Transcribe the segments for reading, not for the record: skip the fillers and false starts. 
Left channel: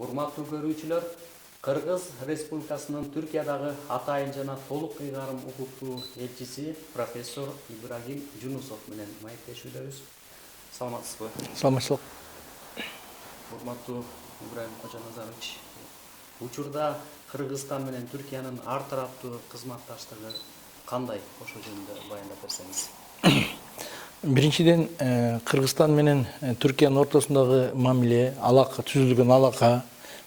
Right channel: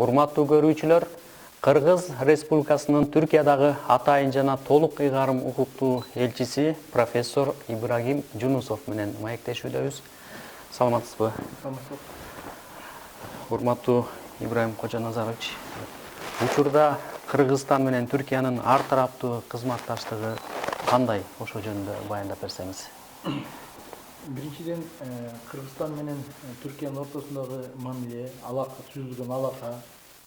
Урматтуу көрүүчүлөр, Кыргыз Республикасынын Түркиядагы атайын жана толук ыйгарым укуктуу элчиси профессор Ибрагим Жунусов менен маектешүүдөбүз. Саламатсызбы? Саламатсызбы. Урматтуу Ибрагим Кожоназарович, учурда Кыргызстан менен Түркиянын ар тараптуу кызматташтыгы кандай? Ошо жөнүндө баяндап берсеңиз. Биринчиден, Кыргызстан менен Түркиянын ортосундагы мамиле, алака, түзүлгөн алака,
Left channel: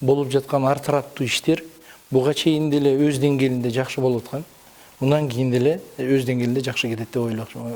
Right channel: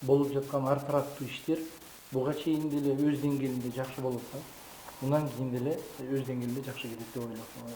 болуп жаткан ар тараптуу иштер буга чейин деле өз деңгээлинде жакшы болуп аткан. Мындан кийин деле өз деңгээлинде жакшы кетет деп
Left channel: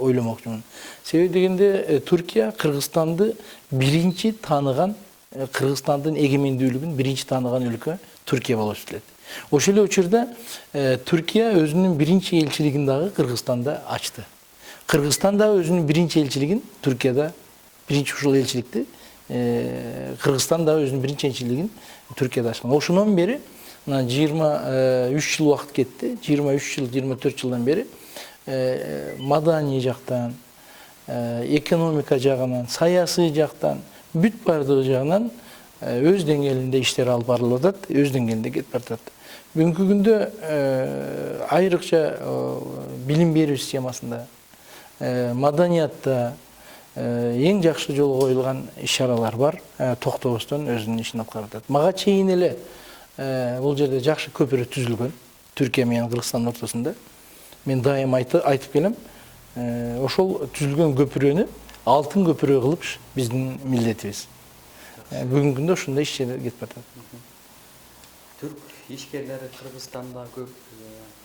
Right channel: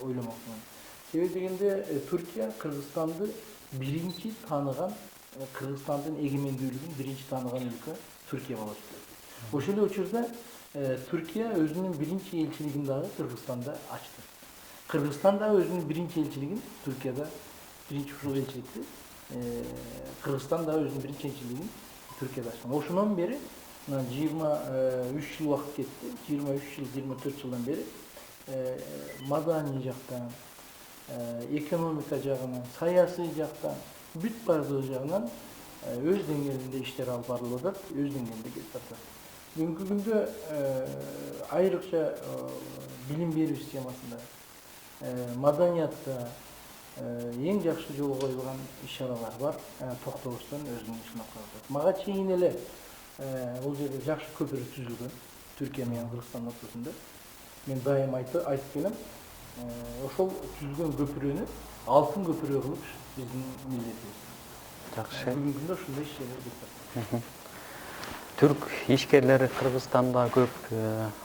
ойломокчумун. Себеби дегенде Түркия Кыргызстанды биринчи тааныган, Кыргызстандын эгемендүүлүгүн биринчи тааныган өлкө Түркия болуп эсептелет. Ошол эле учурда Түркия өзүнүн биринчи элчилигин дагы Кыргызстанда ачты. Кыргызстан да өзүнүн биринчи элчилигин Түркияда, биринчи ушул элчиликти Кыргызстан да өзүнүн биринчи элчилигин Түркияда ачкан. Ошондон бери 23 жыл убакыт кетти. 23 жыл, 24 жылдан бери маданий жактан, экономика жагынан, саясий жактан, бүт бардыгы жагынан өз деңгээлинде иштер алып барылып атат, өз деңгээлинде кетип баратат. Бүгүнкү күндө айрыкча билим берүү системасында, маданиятта эң жакшы жолго коюлган иш-чаралар бар, токтобостон өзүнүн ишин аткарып атат. Мага чейин эле бул жерде жакшы көпүрө түзүлгөн Түркия менен Кыргызстандын ортосунда. Мен дайым айтып келем, ошол түзүлгөн көпүрөнү алтын көпүрө кылып биздин милдетибиз. Бүгүнкү күндө ушундай иш-чаралар кетип атат. Түрк ишкерлери Кыргызстанда көп,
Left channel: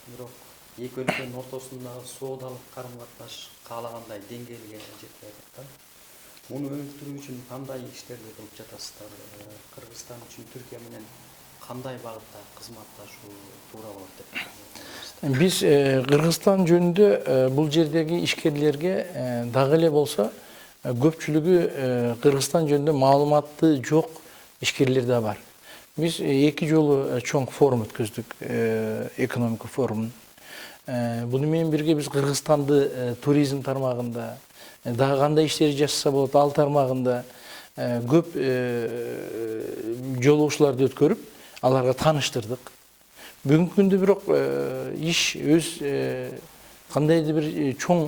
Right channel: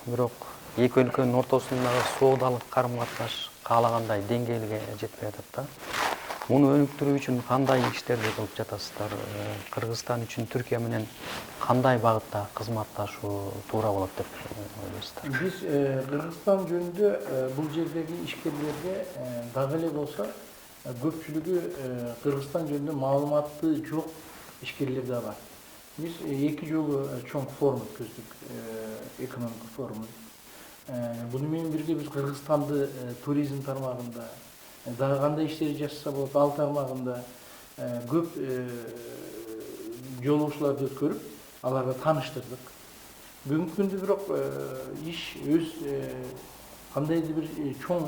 бирок эки өлкөнүн ортосундагы соодалык карым-катнаш каалагандай деңгээлге жетпей атат да. Муну өнүктүрүү үчүн кандай иштерди кылып жатасыздар? Кыргызстан үчүн Түркия менен кандай багытта кызматташуу туура болот деп ойлойсуздар? Биз Кыргызстан жөнүндө бул жердеги ишкерлерге дагы эле болсо көпчүлүгү Кыргызстан жөнүндө маалыматы жок ишкерлер да бар. Биз эки жолу чоң форум өткөздүк, экономика форумун. Буну менен бирге биз Кыргызстанды туризм тармагында, дагы кандай иштер жасаса болот, ал тармагында көп жолугушууларды өткөрүп, аларга тааныштырдык. Бүгүнкү күндө бирок иш өз кандайдыр бир чоң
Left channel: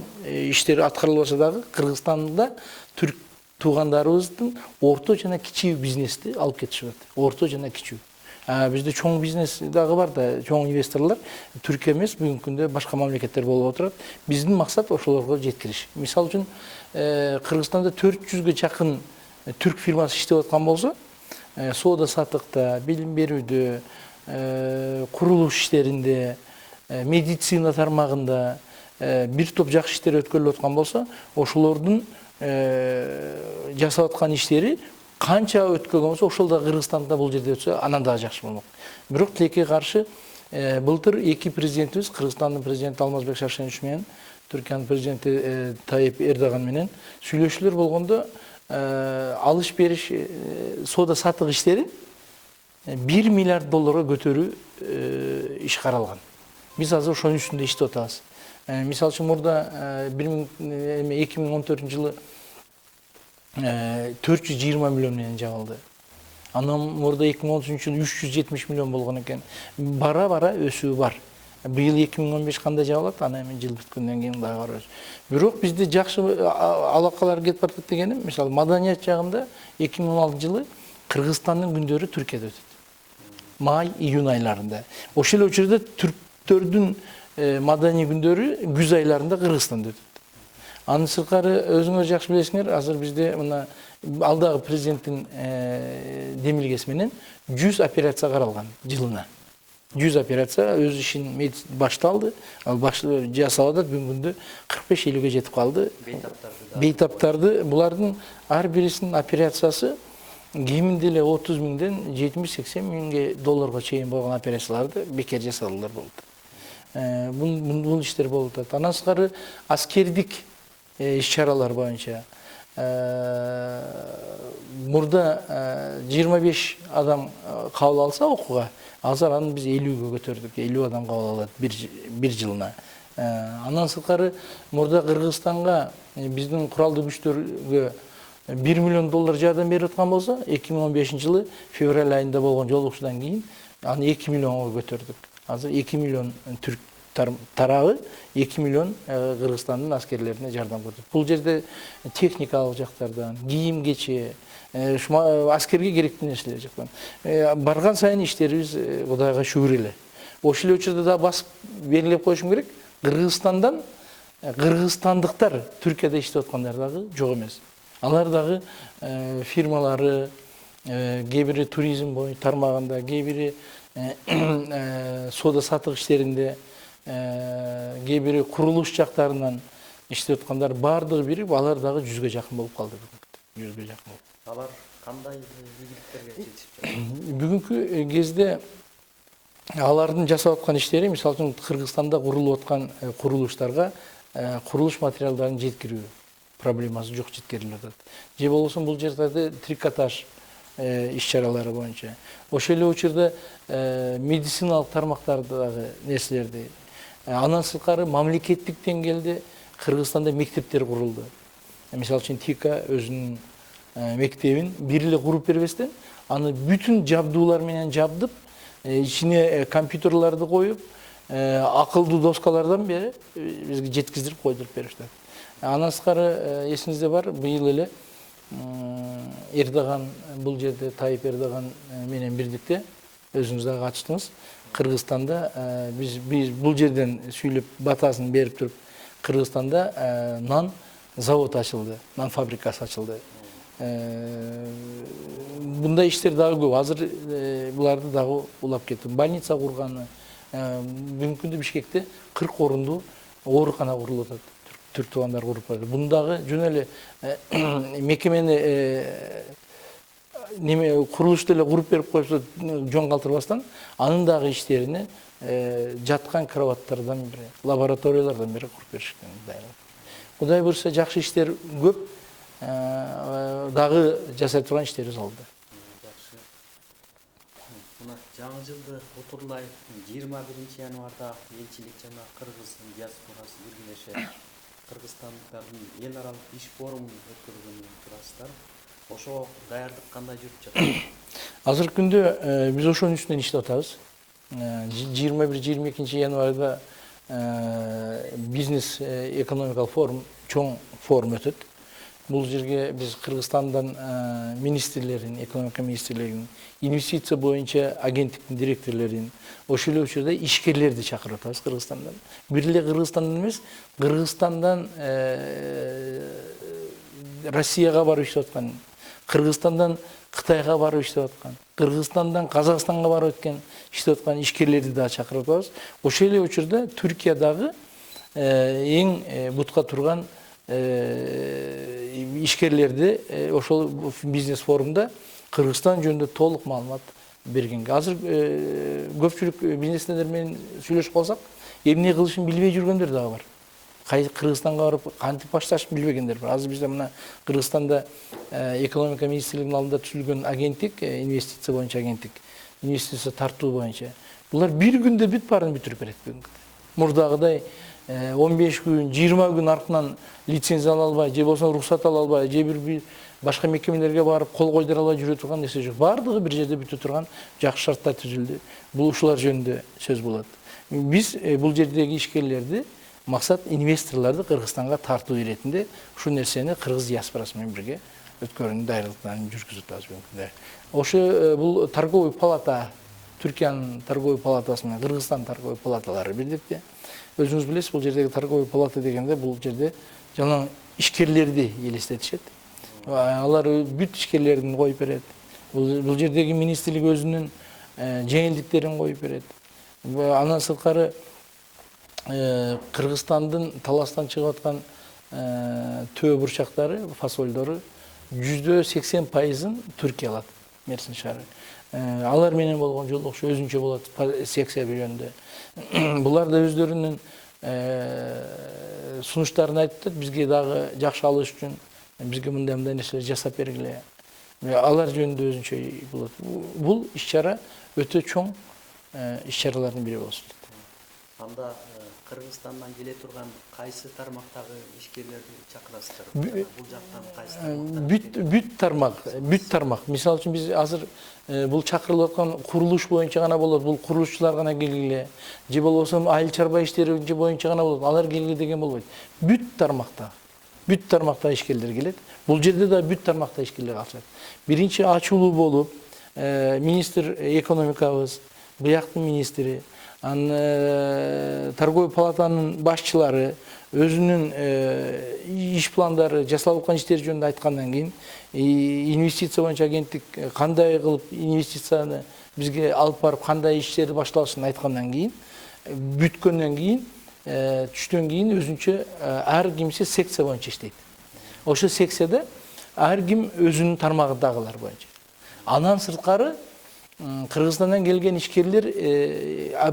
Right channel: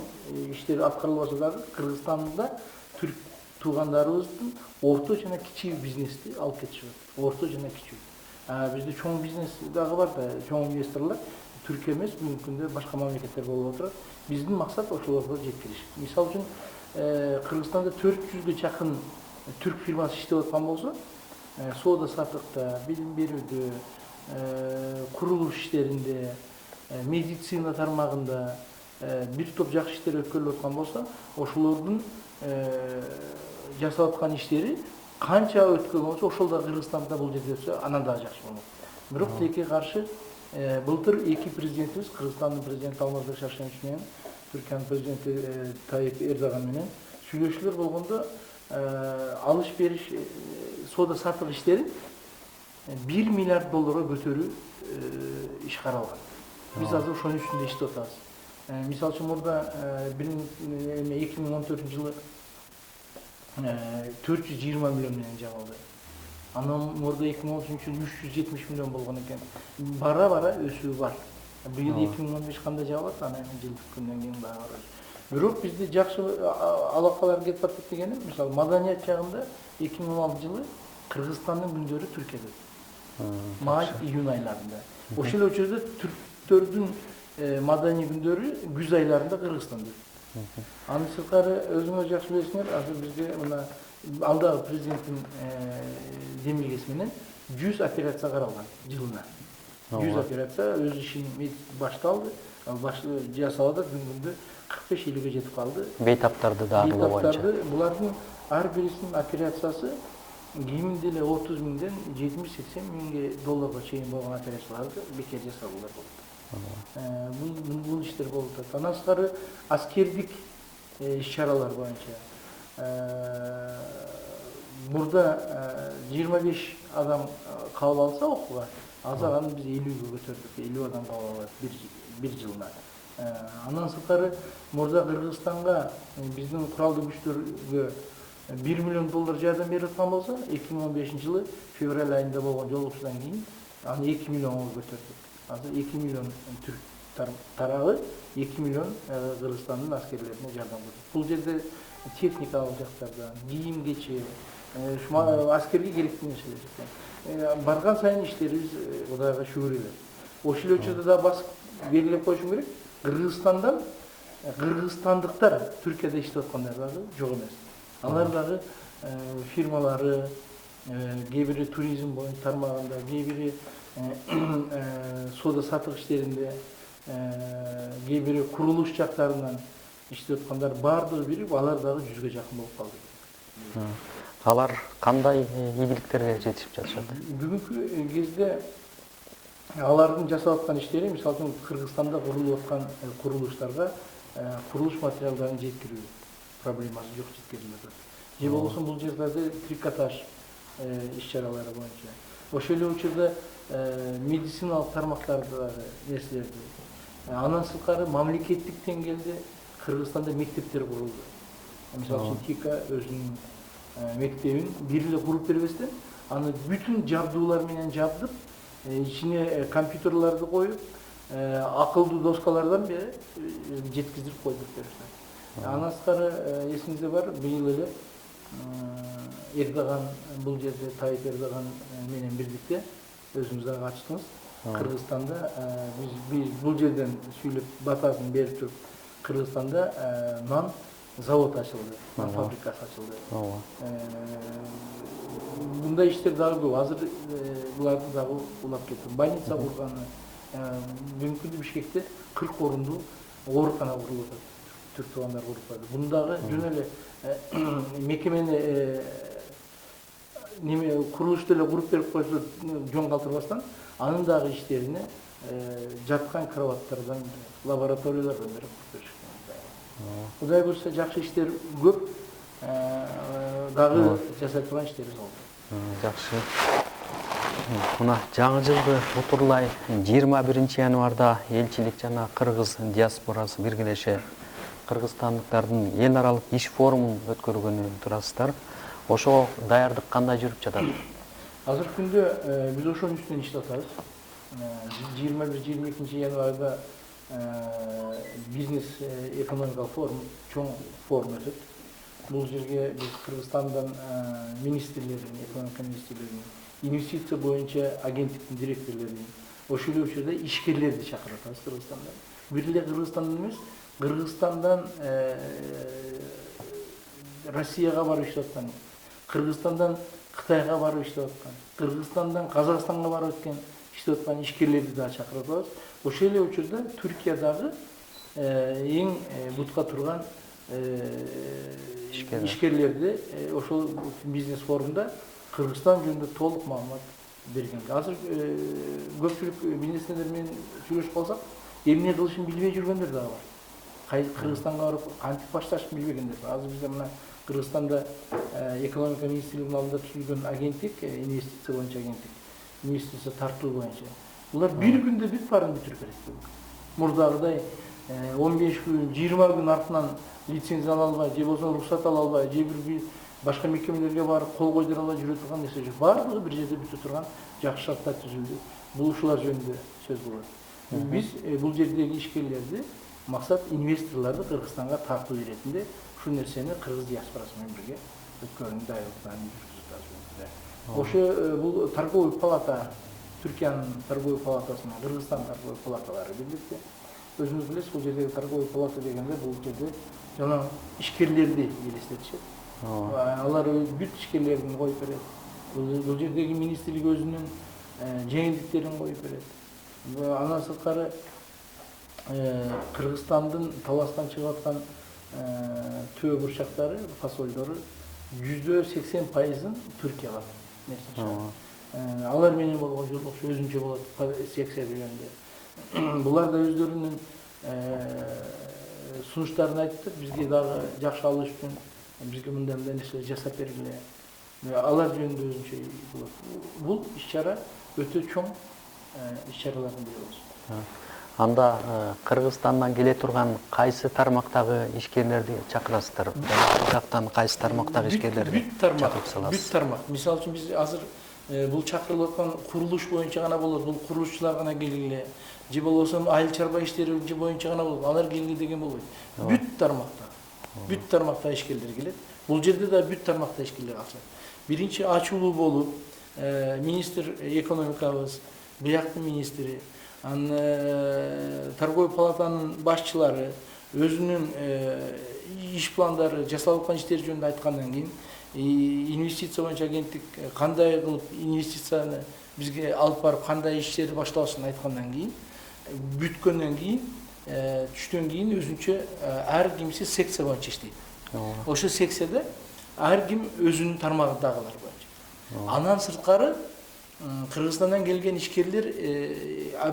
иштер аткарылбаса дагы Кыргызстанда түрк туугандарыбыздын орто жана кичүү бизнести алып кетишип атат. Орто жана кичүү. Бизде чоң бизнес дагы бар да, чоң инвесторлор Түркия эмес, бүгүнкү күндө башка мамлекеттер болуп отурат. Биздин максат ошолорго жеткириш. Мисалы үчүн Кыргызстанда 400гө чакын түрк фирмасы иштеп аткан болсо, соода саттыкта, билим берүүдө, курулуш иштеринде, медицина тармагында бир топ жакшы иштер өткөрүлүп аткан болсо, ошолордун жасап аткан иштери канча өткөргөн болсо, ошол да Кыргызстанда бул жерде өтсө, анан дагы жакшы болмок. Бирок тилекке каршы былтыр эки президентибиз, Кыргызстандын президенти Алмазбек Шаршенович менен Түркиянын президенти Тайип Эрдоган менен сүйлөшүүлөр болгондо алыш бериш, соода саттык иштерин 1 миллиард долларга көтөрүү иш каралган. Биз азыр ошонун үстүндө иштеп атабыз. Мисалы үчүн мурда 2014 жылы 420 миллион менен жабылды. Анан мурда 2013 жылы 370 миллион болгон экен. Бара-бара өсүү бар. Быйыл 2015 кандай жабылат, анан жыл бүткөндөн кийин дагы карайбыз. Бирок бизде жакшы алакалар кетип баратат дегеним, мисалы маданият жагында 2016 жылы Кыргызстандын күндөрү Түркияда өтөт. Май, июнь айларында. Ошол эле учурда түрктөрдүн маданий күндөрү күз айларында Кыргызстанда өтөт. Анын сырткары өзүңөр жакшы билесиңер, азыр бизде мына алдагы президенттин демилгеси менен 100 операция каралган жылына. 100 операция өз ишин башталды. Ал жасап атат, бүгүнкү күндө 45-50ге жетип калды. Бейтаптарды да. Бейтаптарды, булардын ар бирисинин операциясы кеминде эле 30 миңден 70-80 миңге долларга чейин болгон операцияларды бекер жасалуулар болот. Бул иштер болуп атат. Андан сырткары аскердик иш-чаралар боюнча мурда 25 адам кабыл алса окууга, азыр аны биз 50ге көтөрдүк. 50 адам кабыл алат бир жылына. Андан сырткары мурда Кыргызстанга биздин куралдуу күчтөргө 1 миллион доллар жардам берип аткан болсо, 2015 жылы февраль айында болгон жолугушуудан кийин аны 2 миллионго көтөрдүк. Азыр 2 миллион түрк тарабы 2 миллион Кыргызстандын аскерлерине жардам көрсөтөт. Бул жерде техникалык жактардан, кийим кече, аскерге керектүү нерселер жактан. Барган сайын иштерибиз Кудайга шүгүр эле. Ошол эле учурда да басып белгилеп коюшум керек. Кыргызстандан кыргызстандыктар Түркияда иштеп аткандар дагы жок эмес. Алар дагы фирмалары, кээ бири туризм боюнча тармагында, кээ бири соода саттык иштеринде, кээ бири курулуш жактарынан иштеп аткандар баардыгы бирип, алар дагы 100га жакын болуп калды. Алар кандай ийгиликтерге жетишип жатышат? Бүгүнкү кезде алардын жасап аткан иштери, мисалы үчүн Кыргызстанда курулуп аткан курулуштарга курулуш материалдарын жеткирүү проблемасы жок, жеткирилип атат. Же болбосо бул жерлерде трикотаж иш-чаралары боюнча. Ошол эле учурда медициналык тармактардагы нерселерди. Андан сырткары мамлекеттик деңгээлде Кыргызстанда мектептер курулду. Мисалы үчүн ТИКа өзүнүн мектебин бир эле куруп бербестен, аны бүтүн жабдуулар менен жабдып, ичине компьютерларды коюп, акылдуу доскалардан бери бизге жеткиздирип койдуруп беришти. Андан сырткары эсиңизде бар, быйыл эле Эрдоган, бул жерде Тайып Эрдоган менен бирдикте өзүңүз дагы катыштыңыз. Кыргызстанда биз бул жерден сүйлөп батасын берип туруп, Кыргызстанда нан завод ачылды, нан фабрикасы ачылды. Мындай иштер дагы көп. Азыр буларды дагы улап кетти. Больница курганы. Бүгүнкү күндө Бишкекте 40 орундуу оорукана курулуп атат. Түрк туугандар куруп атат. Бундагы жөн эле мекемени курулушты эле куруп берип койсо жон калтырбастан, анын дагы иштерине жаткан кроваттардан бери, лабораториялардан бери куруп беришкен. Кудай буюрса жакшы иштер көп, дагы жасай турган иштерибиз болду. Жакшы. Мына жаңы жылды утурлай 21 январда элчилик жана кыргыз диаспорасы биргелеше кыргызстандыктардын эл аралык иш форумун өткөргөнү турасыздар. Ошо даярдык кандай жүрүп жатат? Азыркы күндө биз ошонун үстүнөн иштеп атабыз. 21-22 январда бизнес экономикалык форум, чоң форум өтөт. Бул жерге биз Кыргызстандан министрлерин, экономика министрлерин, инвестиция боюнча агенттиктин директорлорун, ошол эле учурда ишкерлерди чакырып атабыз Кыргызстандан. Бир эле Кыргызстандан эмес, Кыргызстандан Россияга барып иштеп аткан, Кыргызстандан Кытайга барып иштеп аткан, Кыргызстандан Казакстанга барып өткөн иштеп аткан ишкерлерди да чакырып атабыз. Ошол эле учурда Түркиядагы эң бутка турган ишкерлерди ошол бизнес форумда Кыргызстан жөнүндө толук маалымат берген. Азыр көпчүлүк бизнесмендер менен сүйлөшүп калсак, эмне кылышын билбей жүргөндөр дагы бар. Кыргызстанга барып кантип башташын билбегендер бар. Азыр бизде мына Кыргызстанда экономика министрлигинин алдында түзүлгөн агенттик, инвестиция боюнча агенттик, инвестиция тартуу боюнча. Булар бир күндө бүт баарын бүтүрүп берет. Мурдагыдай 15 күн, 20 күн артынан лицензия ала албай, же болсо уруксат ала албай, же бир башка мекемелерге барып кол койдура албай жүрө турган нерсе жок. Баардыгы бир жерде бүтө турган жакшы шарттар түзүлдү. Бул ушулар жөнүндө сөз болот. Биз бул жердеги ишкерлерди максат инвесторлорду Кыргызстанга тартуу иретинде ушул нерсени кыргыз диаспорасы менен бирге өткөрүүнүн даярдыктарын жүргүзүп атабыз. Ошо бул торговый палата, Түркиянын торговый палатасы менен Кыргызстан торговый палаталары бирдикте. Өзүңүз билесиз, бул жердеги торговый палата дегенде бул жерде жана ишкерлерди элестетишет. Алар бүт ишкерлерин коюп берет. Бул жердеги министрлик өзүнүн жеңилдиктерин коюп берет. Андан сырткары Кыргызстандын таластан чыгып аткан төө бурчактары, фасолдору 80%-ын Түркия алат. Мерсин шаары. Алар менен болгон жолугуш өзүнчө болот, секция бөлгөндө. Булар да өздөрүнүн сунуштарын айтып, бизге дагы жакшы алыш үчүн бизге мындай нерселер жасап бергиле. Алар жөнүндө өзүнчө болот. Бул иш-чара өтө чоң иш-чаралардын бири болсун. Анда Кыргызстандан келе турган кайсы тармактагы ишкерлерди чакырасыздар? Жактан кайсы тармактагы ишкерлерди? Бүт тармак. Мисалы үчүн биз азыр бул чакырылып аткан курулуш боюнча гана болот. Бул курулушчулар гана келгиле. Же болбосо айыл чарба иштери боюнча гана болот. Алар келгиле деген болбойт. Бүт тармакта. Бүт тармакта ишкерлер келет. Бул жерде да бүт тармакта ишкерлер катышат. Биринчи ачуулуу болуп, министр экономикабыз, бияктын министри, торговый палатанын башчылары өзүнүн иш пландары, жасалып аткан иштер жөнүндө айткандан кийин, инвестиция боюнча агенттик кандай кылып инвестицияны бизге алып барып, кандай иштерди башталышын айткандан кийин, бүткөндөн кийин, түштөн кийин өзүнчө ар кимиси секция боюнча иштейт. Ошол секцияда ар ким өзүнүн тармагындагылар боюнча. Андан сырткары Кыргызстандан келген ишкерлер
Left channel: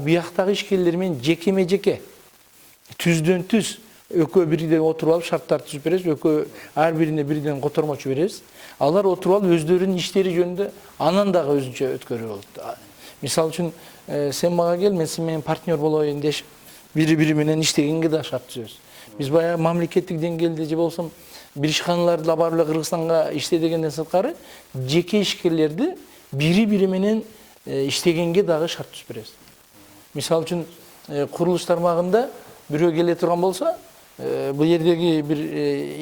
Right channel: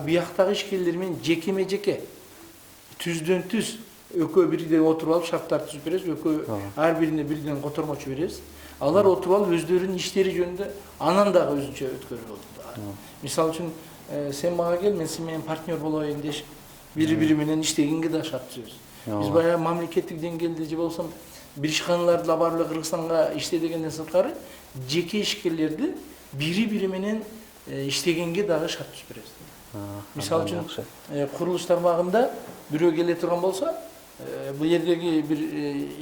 бияктагы ишкерлер менен жекеме-жеке түздөн түз экөө бирде отуруп алып шарттар түзүп беребиз, экөө ар бирине бирден котормочу беребиз. Алар отуруп алып өздөрүнүн иштери жөнүндө анан дагы өзүнчө өткөрүү болот. Мисалы үчүн сен мага кел, мен сен менен партнер болоюн дешип, бири менен иштегенге да шарт түзөбүз. Биз баягы мамлекеттик деңгээлде же болсом бир ишканаларды да барып эле Кыргызстанга иште дегенден сырткары жеке ишкерлерди бири менен иштегенге дагы шарт түзүп беребиз. Мисалы үчүн курулуш тармагында бирөө келе турган болсо, бул жердеги бир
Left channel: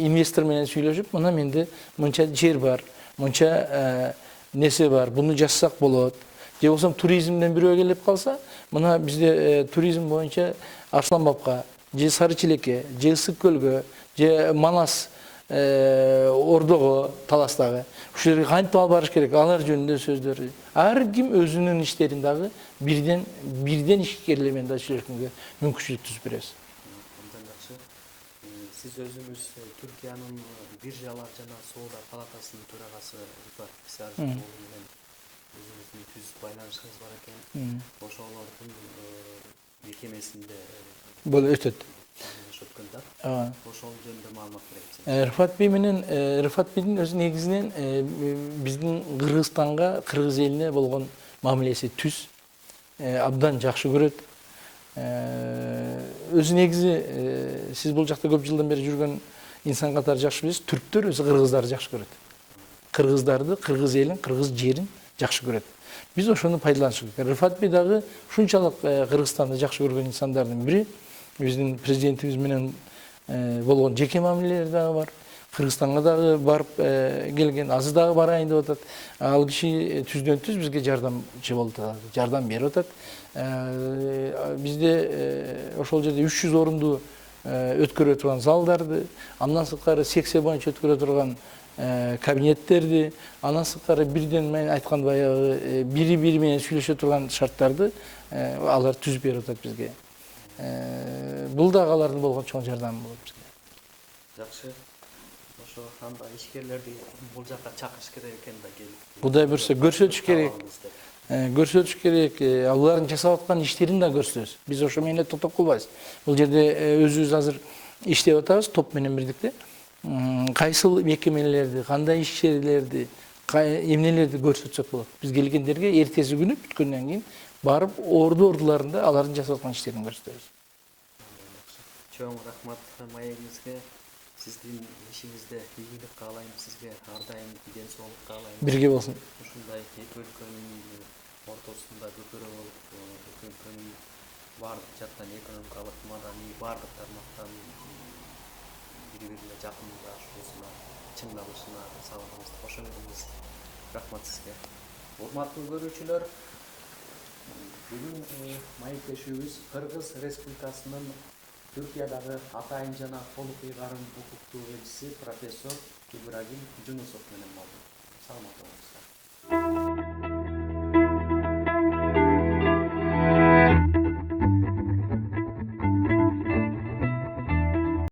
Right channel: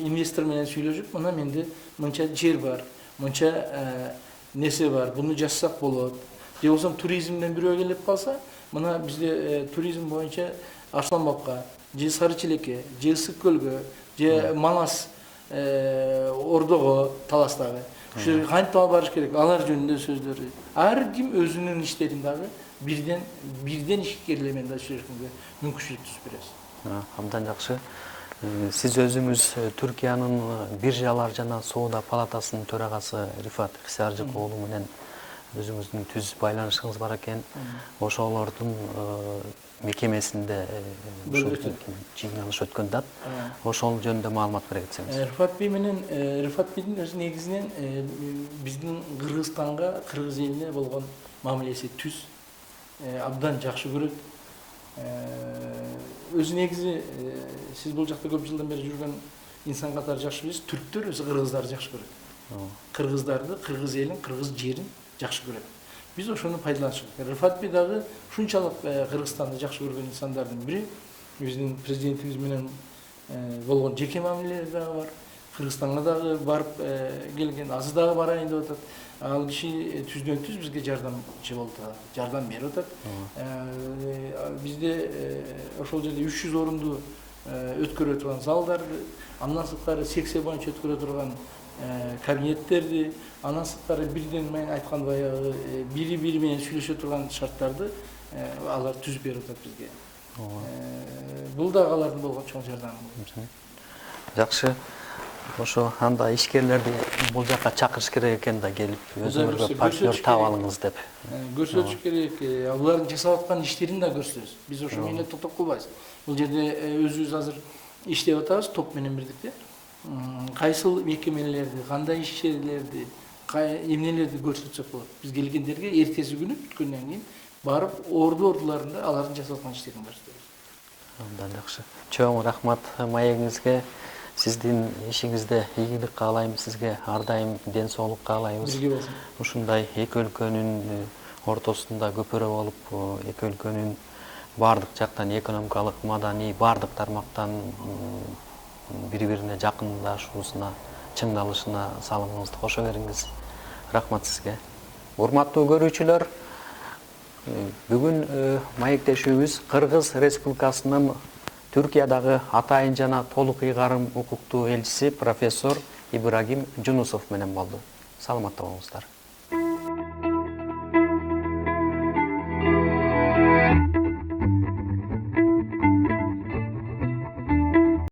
инвестор менен сүйлөшүп, мына менде мынча жер бар, мынча несе бар, буну жазсак болот. Же болсом туризмден бирөө келип калса, мына бизде туризм боюнча Арсланбапка, же Сары Чилекке, же Ысык көлгө, же Манас Ордого, Таластагы. Ушул жерге кантип алып барыш керек? Алар жөнүндө сөздөр. Ар ким өзүнүн иштерин дагы бирден ишкерлер менен да иштешкенге мүмкүнчүлүк түзүп беребиз. Абдан жакшы. Сиз өзүңүз Түркиянын биржалар жана соода палатасынын төрагасы Рифат Иксиаржыков уулу менен өзүңүздүн түз байланышыңыз бар экен. Ошолордун мекемесинде өтөт. Жыйналыш өткөн да. Ошол жөнүндө маалымат бере кетсеңиз. Рифат бей менен Рифат бейдин өз негизинен биздин Кыргызстанга, кыргыз элине болгон мамилеси түз, абдан жакшы көрөт. Өзү негизи сиз бул жакта көп жылдан бери жүргөн инсан катары жакшы билесиз, түрктөр өзү кыргыздарды жакшы көрөт. Кыргыздарды, кыргыз элин, кыргыз жерин жакшы көрөт. Биз ошону пайдаланышыбыз керек. Рифат бей дагы ушунчалык Кыргызстанды жакшы көргөн инсандардын бири. Биздин президентибиз менен болгон жеке мамилелери дагы бар. Кыргызстанга дагы барып келген, азыр дагы барайын деп атат. Ал киши түздөн түз бизге жардамчы болуп атат, жардам берип атат. Бизде ошол жерде 300 орунду өткөрө турган залдарды, андан сырткары секция боюнча өткөрө турган кабинеттерди, андан сырткары бирден мен айткан баягы бири менен сүйлөшө турган шарттарды алар түзүп берип атат бизге. Бул да алардын болгон чоң жардамы болот. Жакшы. Ошо анда ишкерлерди бул жакка чакырыш керек экен да келип. Кудай көрсө көрсөтүш керек. Көрсөтүш керек. Алардын жасап аткан иштерин да көрсөтөбүз. Биз ошо менен токтоп калбайбыз. Бул жерде өзүбүз азыр иштеп атабыз топ менен бирдикте. Кайсыл мекемелерди, кандай ишчилерди, эмнелерди көрсөтсөк болот. Биз келгендерге эртеси күнү бүткөндөн кийин барып ордуларында алардын жасап аткан иштерин көрсөтөбүз. Абдан жакшы. Чоң рахмат маегиңизге. Сиздин ишиңизде ийгилик каалайбыз, сизге ар дайым ден соолук каалайбыз. Бирге болсун. Ушундай эки өлкөнүн ортосунда көпөрө болуп, эки өлкөнүн бардык жактан экономикалык, маданий, бардык тармактан бири-бирине жакындашуусуна, чыңдалышына салымыңызды кошо бериңиз. Рахмат сизге. Урматтуу көрүүчүлөр, бүгүн маектешүүбүз Кыргыз Республикасынын Түркиядагы атайын жана толук ыйгарым укуктуу элчиси профессор Ибрагим Жунусов менен болду. Саламатта болуңуздар.